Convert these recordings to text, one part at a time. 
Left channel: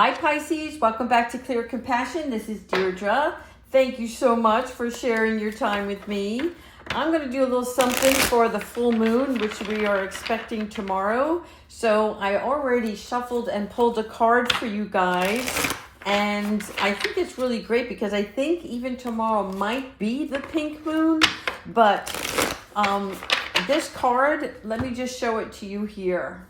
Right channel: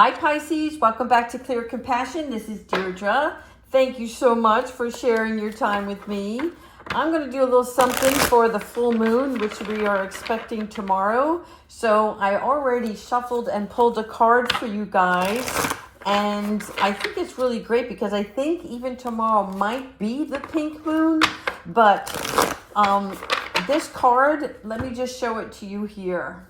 Hi Pisces, welcome back to Clear Compassion. This is Deirdre. Thank you so much for sharing your time with me. I'm going to do a little something for the full moon, which we are expecting tomorrow. So I already shuffled and pulled a card for you guys. And I think it's really great because I think even tomorrow might be the pink moon. But this card, let me just show it to you here.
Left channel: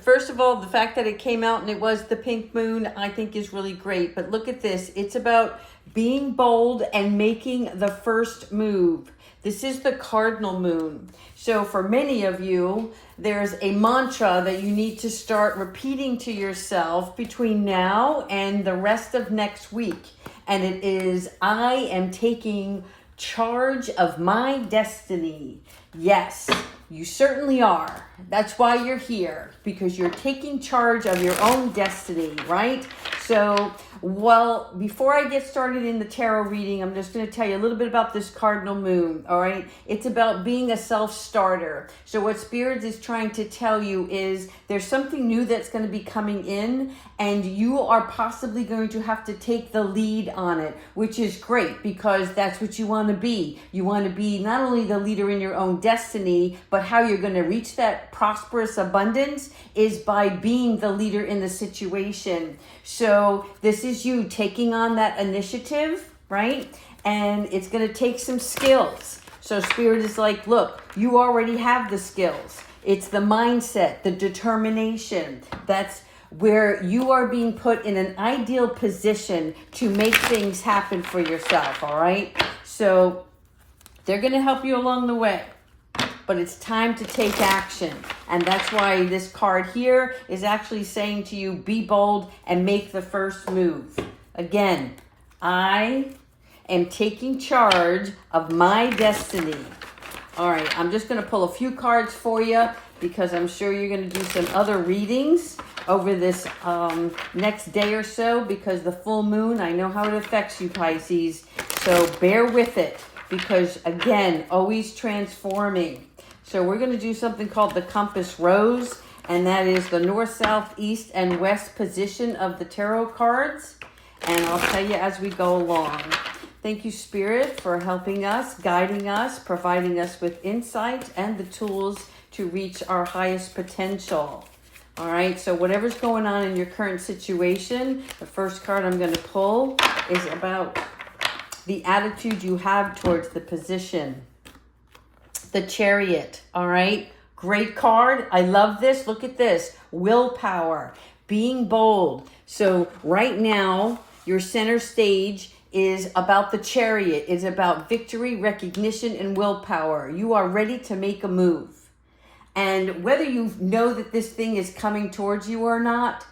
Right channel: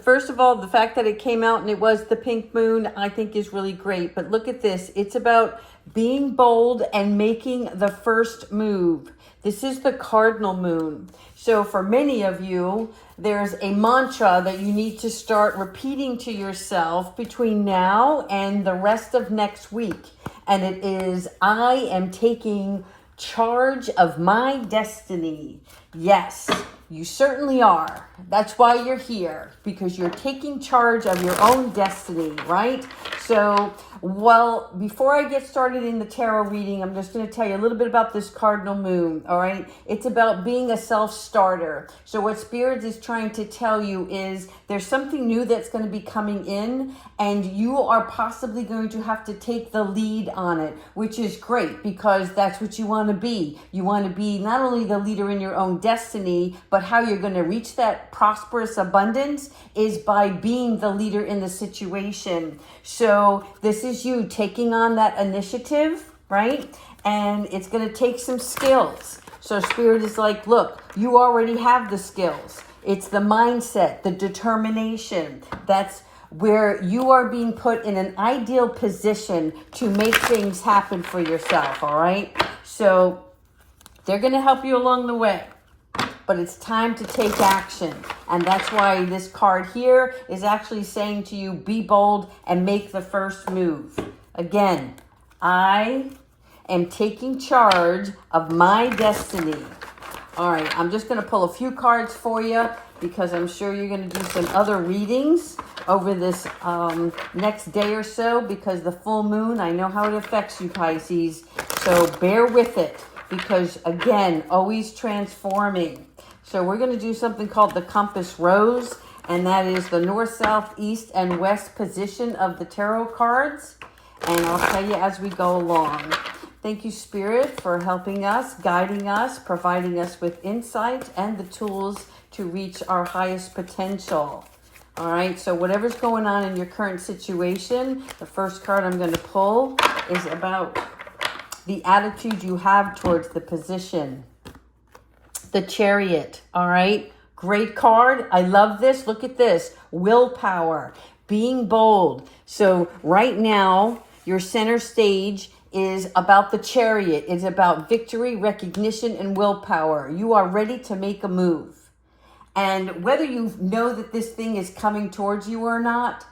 First of all, the fact that it came out and it was the pink moon, I think is really great. But look at this. It's about being bold and making the first move. This is the cardinal moon. So for many of you, there's a mantra that you need to start repeating to yourself between now and the rest of next week. And it is, I am taking charge of my destiny. Yes, you certainly are. That's why you're here, because you're taking charge of your own destiny, right? So, well, before I get started in the tarot reading, I'm just going to tell you a little bit about this cardinal moon, all right? It's about being a self-starter. So what Spirit is trying to tell you is there's something new that's going to be coming in, and you are possibly going to have to take the lead on it, which is great because that's what you want to be. You want to be not only the leader in your own destiny, but how you're going to reach that prosperous abundance is by being the leader in the situation. So this is you taking on that initiative, right? And it's going to take some skills. So Spirit is like, look, you already have the skills. It's the mindset, the determination. That's where you are being put in an ideal position to make things happen for yourself, all right? So they're going to help you along the way. But it's time to take action. And that's why this card here is actually saying to you, be bold and make the first move. Again, I am taking charge of my destiny. All right, I'm just going to pull a few cards for you because I'm sure you're going to do some other readings over this next day or so, because the full moon, I know how it affects you, Pisces. So bear with it because, again, always transforming. So we're going to do something called the compass rose, and that is the north, south, east, and west position of the tarot cards. And I'll tell you as we go along. Thank you, Spirit, for helping us, guiding us, providing us with insight and the tools to reach our highest potential. All right, so whatever's going on in your current situation, the first card I'm going to pull is about the attitude you have towards the position. The Chariot, all right? Great card. I love this. Look at this. Willpower, being bold. So right now, your center stage is about the Chariot. It's about victory, recognition, and willpower. You are ready to make a move. And whether you know that this thing is coming towards you or not,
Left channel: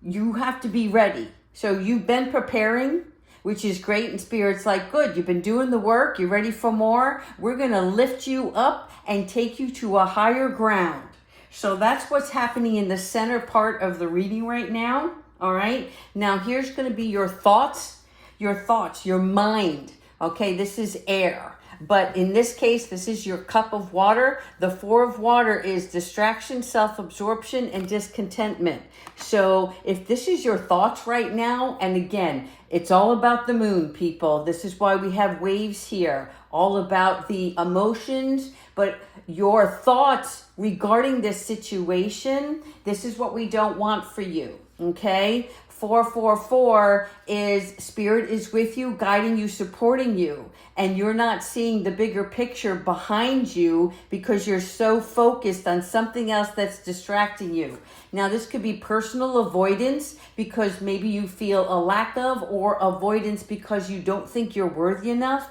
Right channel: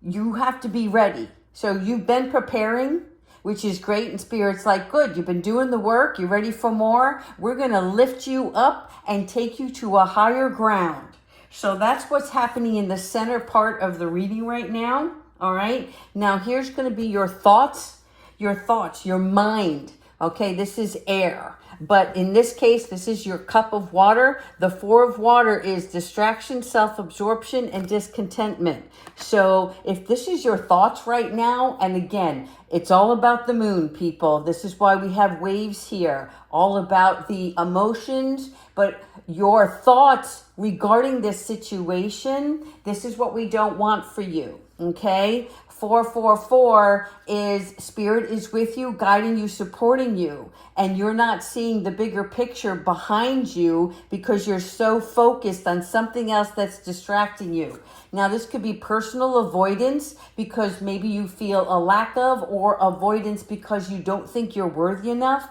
you have to be ready. So you've been preparing, which is great. And Spirit's like, good, you've been doing the work. You're ready for more. We're going to lift you up and take you to a higher ground. So that's what's happening in the center part of the reading right now. All right. Now here's going to be your thoughts, your mind. Okay. This is air. But in this case, this is your cup of water. The 4 of water is distraction, self-absorption, and discontentment. So if this is your thoughts right now, and again, it's all about the moon, people. This is why we have waves here, all about the emotions, but your thoughts regarding this situation, this is what we don't want for you, okay? 444 is Spirit is with you, guiding you, supporting you, and you're not seeing the bigger picture behind you because you're so focused on something else that's distracting you. Now, this could be personal avoidance because maybe you feel a lack of, or avoidance because you don't think you're worthy enough.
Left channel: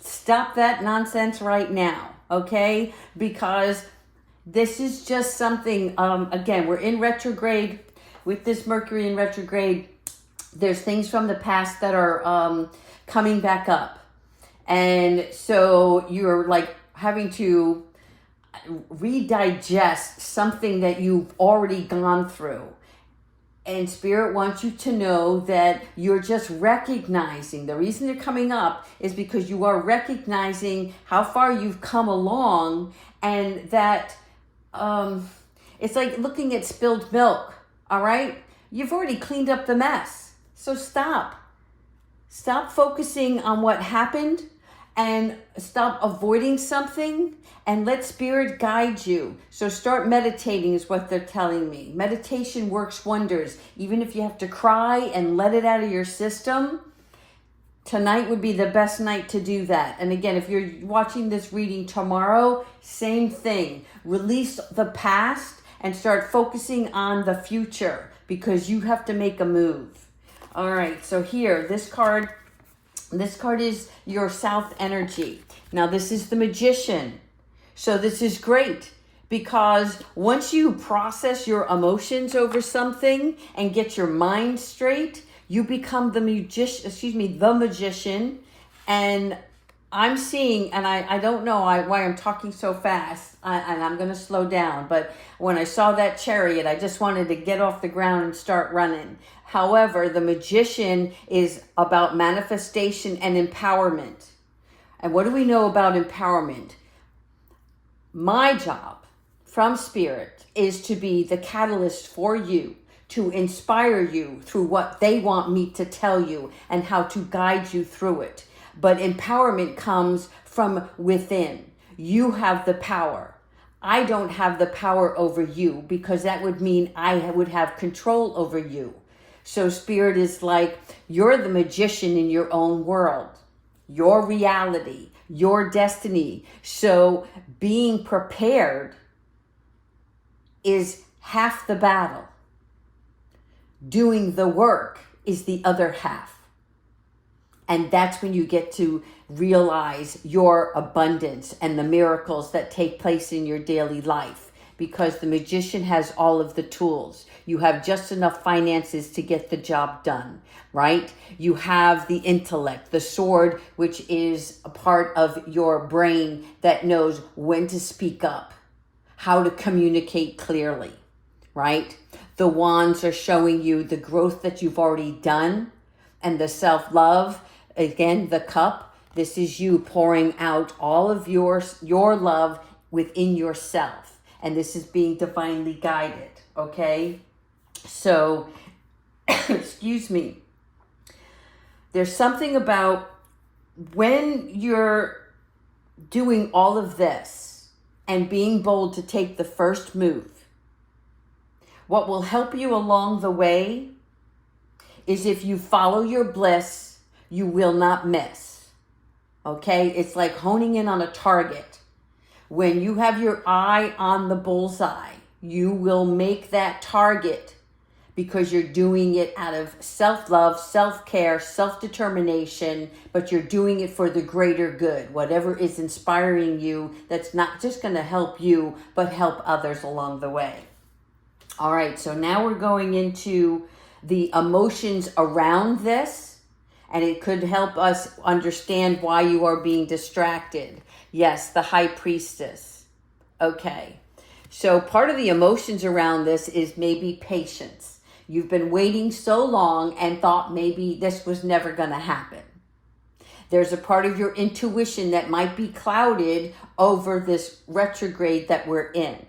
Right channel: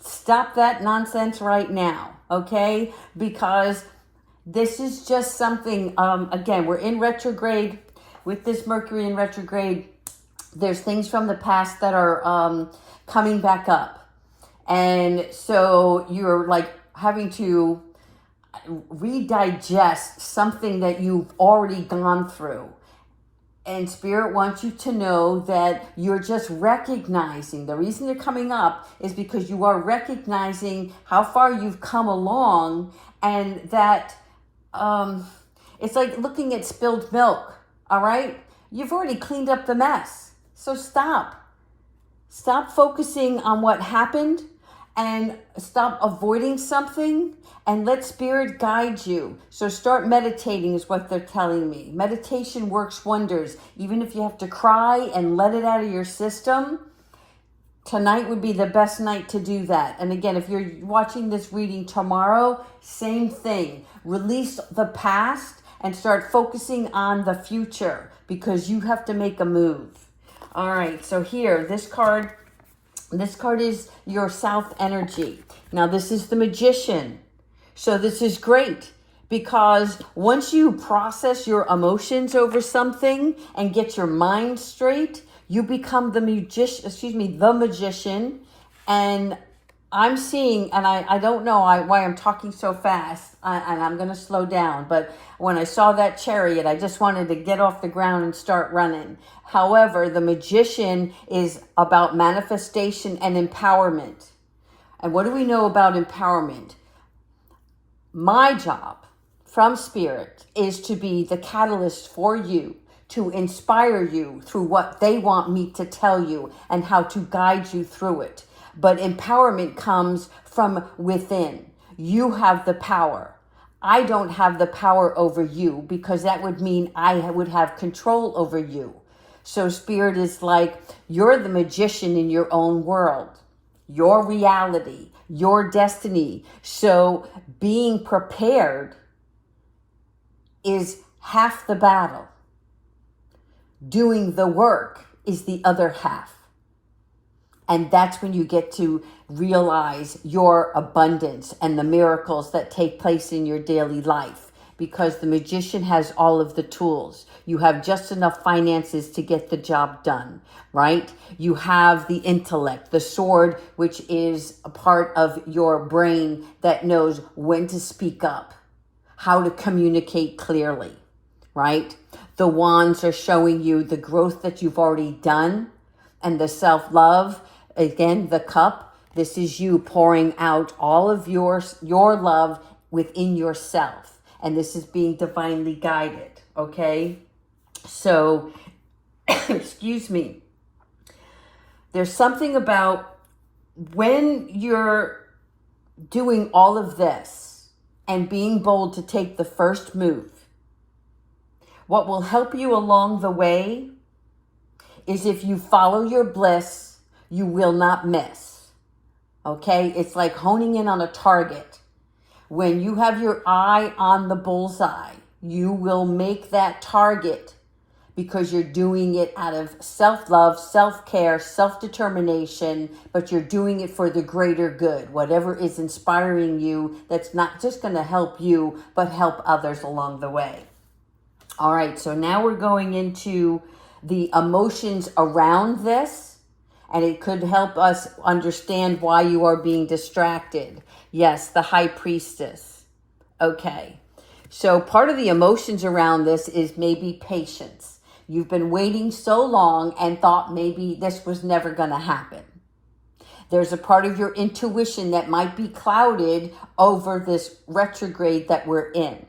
Stop that nonsense right now, okay? Because this is just something, again, we're in retrograde. With this Mercury in retrograde, there's things from the past that are coming back up. And so you're like having to redigest something that you've already gone through. And Spirit wants you to know that you're just recognizing, the reason they're coming up is because you are recognizing how far you've come along, and that it's like looking at spilled milk. All right. You've already cleaned up the mess. So stop. Stop focusing on what happened and stop avoiding something and let Spirit guide you. So start meditating is what they're telling me. Meditation works wonders. Even if you have to cry and let it out of your system, tonight would be the best night to do that. And again, if you're watching this reading tomorrow, same thing. Release the past and start focusing on the future because you have to make a move. All right, so here, this card is your South energy. Now, this is the Magician. So this is great because once you process your emotions over something and get your mind straight, you become the magician. And I'm seeing, and I don't know why I'm talking so fast, and I'm going to slow down, but when I saw that chariot, I just wanted to get off the ground and start running. However, the Magician is about manifestation and empowerment. And what do we know about empowerment? My job from Spirit is to be the catalyst for you, to inspire you through what they want me to tell you and how to guide you through it. But empowerment comes from within. You have the power. I don't have the power over you because that would mean I would have control over you. So Spirit is like, you're the magician in your own world, your reality, your destiny. So being prepared is half the battle. Doing the work is the other half. And that's when you get to realize your abundance and the miracles that take place in your daily life. Because the Magician has all of the tools. You have just enough finances to get the job done, right? You have the intellect, the sword, which is a part of your brain that knows when to speak up, how to communicate clearly, right? The wands are showing you the growth that you've already done and the self-love. Again, the cup, this is you pouring out all of your love within yourself. And this is being divinely guided, okay? So, excuse me. There's something about when you're doing all of this and being bold to take the first move, what will help you along the way is if you follow your bliss, you will not miss, okay? It's like honing in on a target. When you have your eye on the bullseye, you will make that target because you're doing it out of self-love, self-care, self-determination, but you're doing it for the greater good, whatever is inspiring you that's not just going to help you, but help others along the way. All right, so now we're going into the emotions around this, and it could help us understand why you are being distracted. Yes, the High Priestess. Okay. So part of the emotions around this is maybe patience. You've been waiting so long and thought maybe this was never going to happen. There's a part of your intuition that might be clouded over this retrograde that we're in.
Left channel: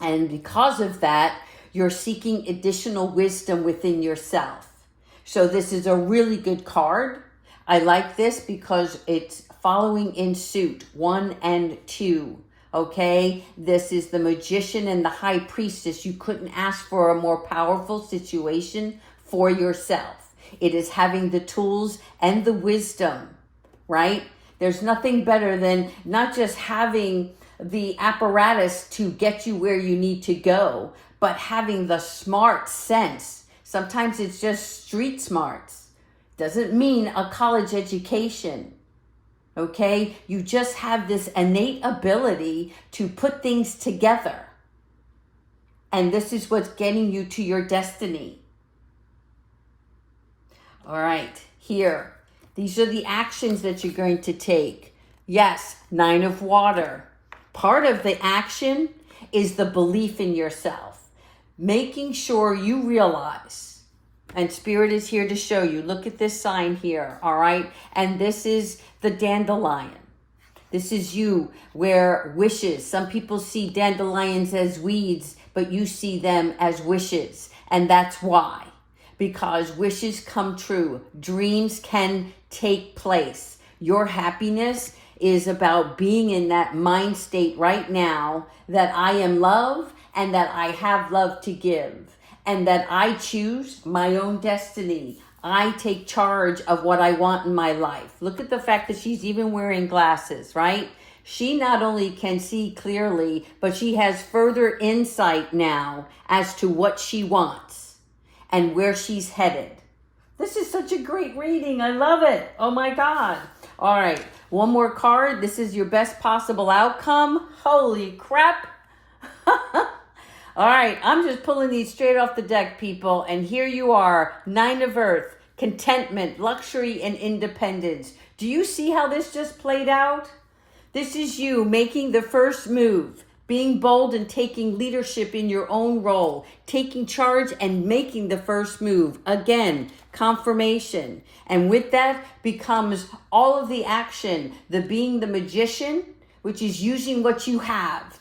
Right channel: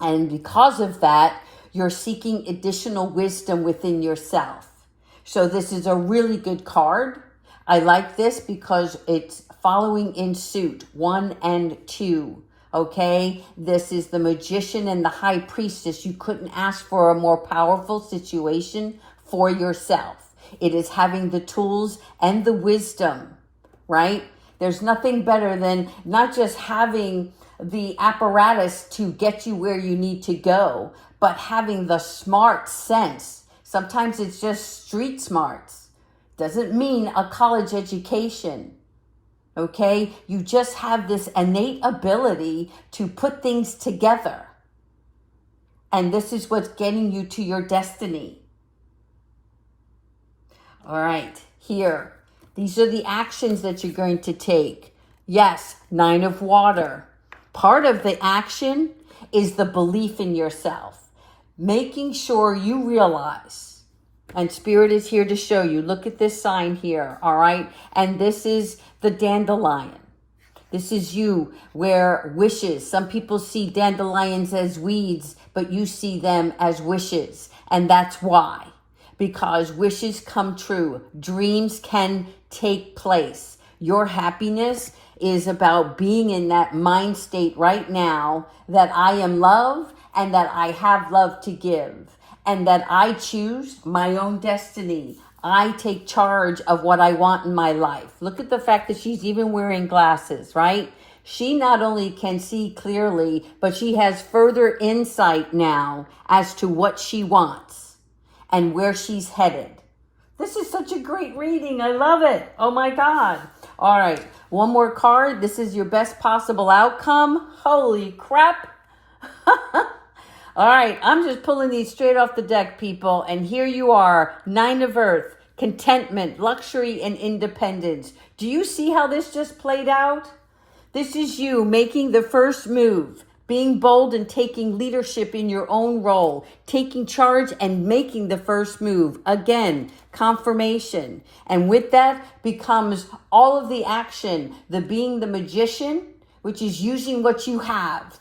And because of that, you're seeking additional wisdom within yourself. So this is a really good card. I like this because it's following in suit, 1 and 2. Okay, this is the Magician and the High Priestess. You couldn't ask for a more powerful situation for yourself. It is having the tools and the wisdom, right? There's nothing better than not just having the apparatus to get you where you need to go, but having the smart sense. Sometimes it's just street smarts. Doesn't mean a college education. Okay, you just have this innate ability to put things together. And this is what's getting you to your destiny. All right, here. These are the actions that you're going to take. Yes, 9 of water. Part of the action is the belief in yourself. Making sure you realize. And Spirit is here to show you. Look at this sign here, all right? And this is the dandelion. This is you, where wishes. Some people see dandelions as weeds, but you see them as wishes. And that's why. Because wishes come true. Dreams can take place. Your happiness is about being in that mind state right now that I am love and that I have love to give and that I choose my own destiny. I take charge of what I want in my life. Look at the fact that she's even wearing glasses, right? She not only can see clearly, but she has further insight now as to what she wants and where she's headed. This is such a great reading. I love it. Oh my God. All right. One more card. This is your best possible outcome. Holy crap. All right. I'm just pulling these straight off the deck, people. And here you are. 9 of Earth, contentment, luxury, and independence. Do you see how this just played out? This is you making the first move, being bold and taking leadership in your own role, taking charge and making the first move. Again, confirmation. And with that becomes all of the action, the being the magician, which is using what you have.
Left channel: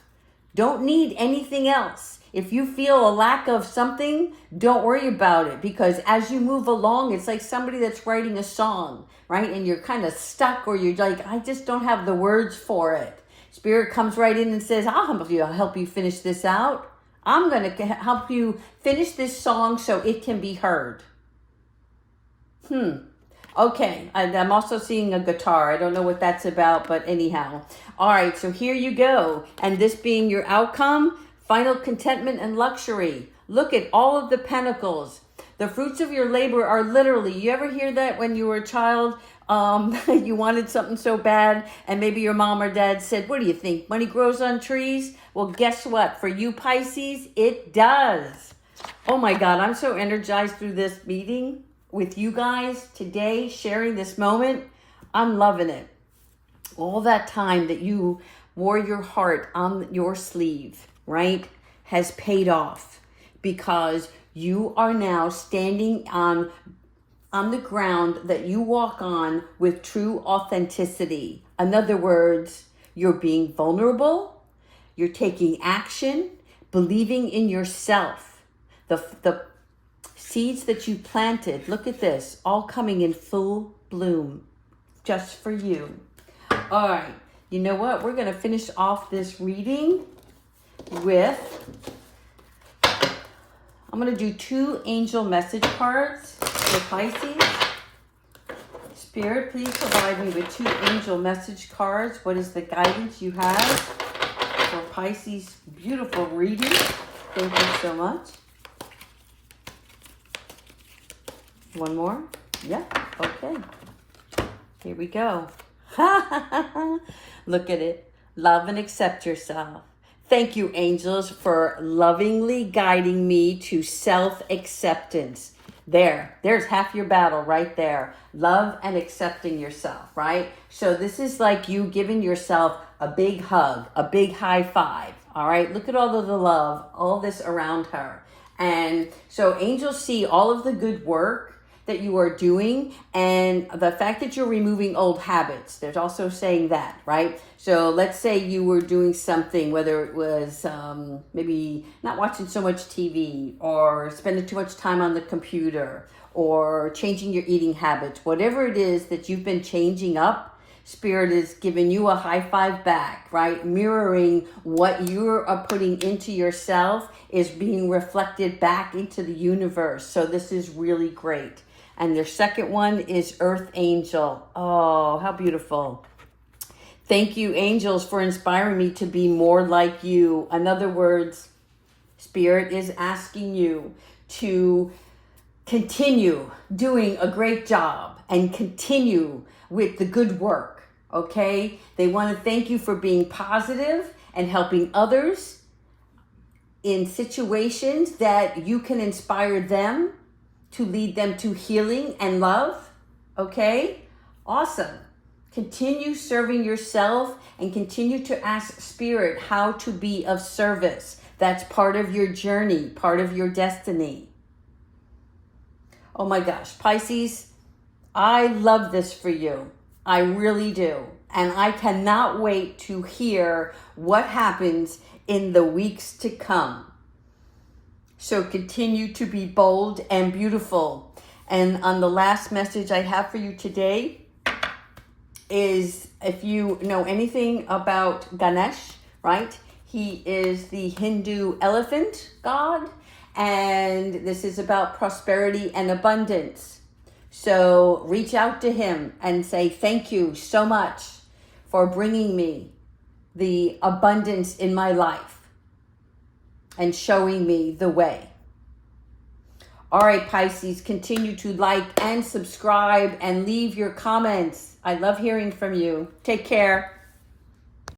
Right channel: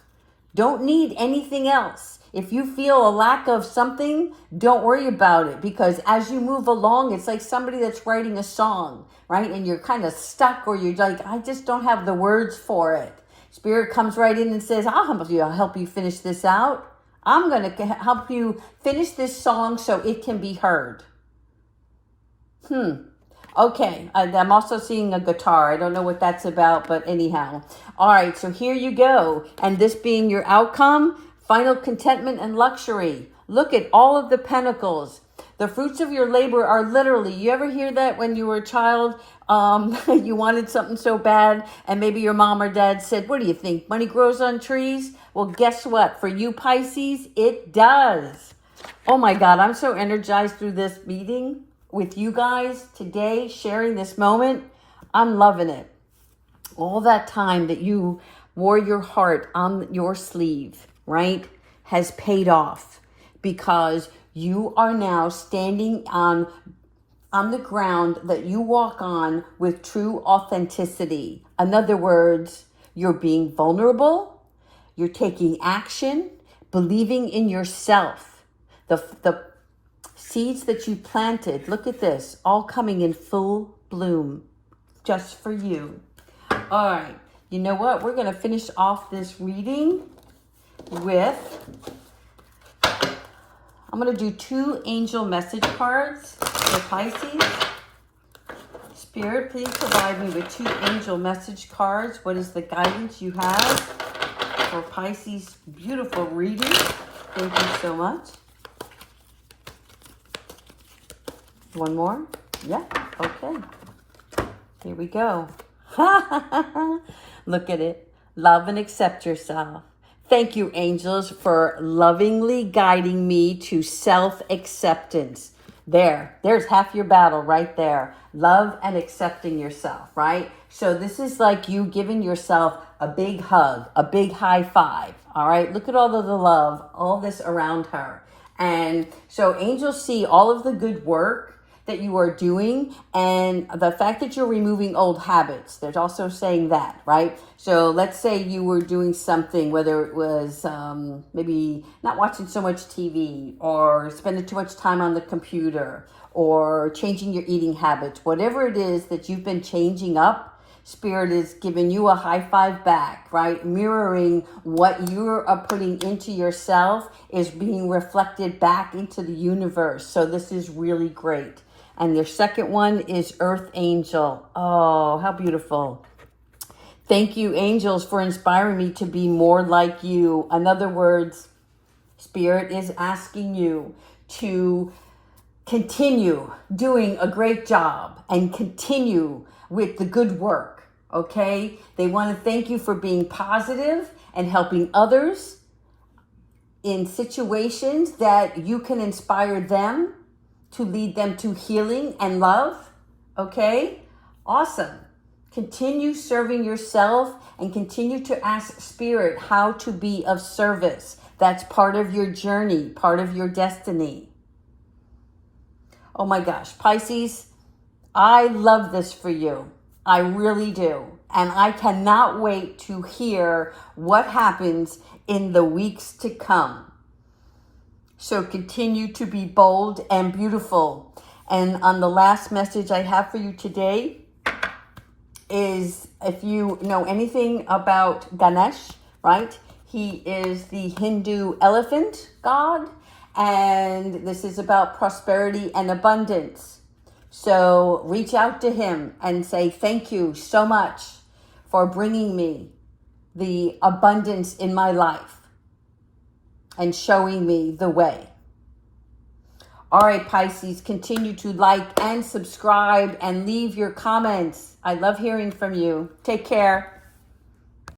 Don't need anything else. If you feel a lack of something, don't worry about it, because as you move along, it's like somebody that's writing a song, right? And you're kind of stuck, or you're like, I just don't have the words for it. Spirit comes right in and says, I'll help you finish this out. I'm going to help you finish this song so it can be heard. Okay, I'm also seeing a guitar. I don't know what that's about, but anyhow. All right, so here you go. And this being your outcome, final contentment and luxury. Look at all of the pentacles. The fruits of your labor are literally, you ever hear that when you were a child? You wanted something so bad, and maybe your mom or dad said, what do you think? Money grows on trees? Well, guess what? For you Pisces, it does. Oh my God, I'm so energized through this meeting with you guys today, sharing this moment. I'm loving it. All that time that you wore your heart on your sleeve, right, has paid off, because you are now standing on the ground that you walk on with true authenticity. In other words, you're being vulnerable, you're taking action, believing in yourself. The seeds that you planted, look at this, all coming in full bloom just for you. All right, you know what? We're going to finish off this reading with, I'm going to do 2 angel message cards for Pisces. Spirit, please provide me with 2 angel message cards. What is the guidance you have for Pisces? Beautiful reading. Thank you so much. One more? Yeah, okay. Here we go. Look at it. Love and accept yourself. Thank you, angels, for lovingly guiding me to self-acceptance. There's half your battle right there. Love and accepting yourself, right? So this is like you giving yourself a big hug, a big high five, all right? Look at all of the love, all this around her. And so angels see all of the good work that you are doing, and the fact that you're removing old habits. There's also saying that, right? So let's say you were doing something, whether it was maybe not watching so much TV, or spending too much time on the computer, or changing your eating habits. Whatever it is that you've been changing up, Spirit is giving you a high five back, right? Mirroring what you're putting into yourself is being reflected back into the universe. So this is really great. And your second one is Earth Angel. Oh, how beautiful. Thank you, angels, for inspiring me to be more like you. In other words, Spirit is asking you to continue doing a great job and continue with the good work, okay? They want to thank you for being positive and helping others in situations that you can inspire them to lead them to healing and love, okay? Awesome. Continue serving yourself and continue to ask Spirit how to be of service. That's part of your journey, part of your destiny. Oh my gosh, Pisces, I love this for you. I really do. And I cannot wait to hear what happens in the weeks to come. So continue to be bold and beautiful. And on the last message I have for you today is, if you know anything about Ganesh, right? He is the Hindu elephant god, and this is about prosperity and abundance. So reach out to him and say, thank you so much for bringing me the abundance in my life and showing me the way. All right, Pisces, continue to like and subscribe and leave your comments. I love hearing from you. Take care.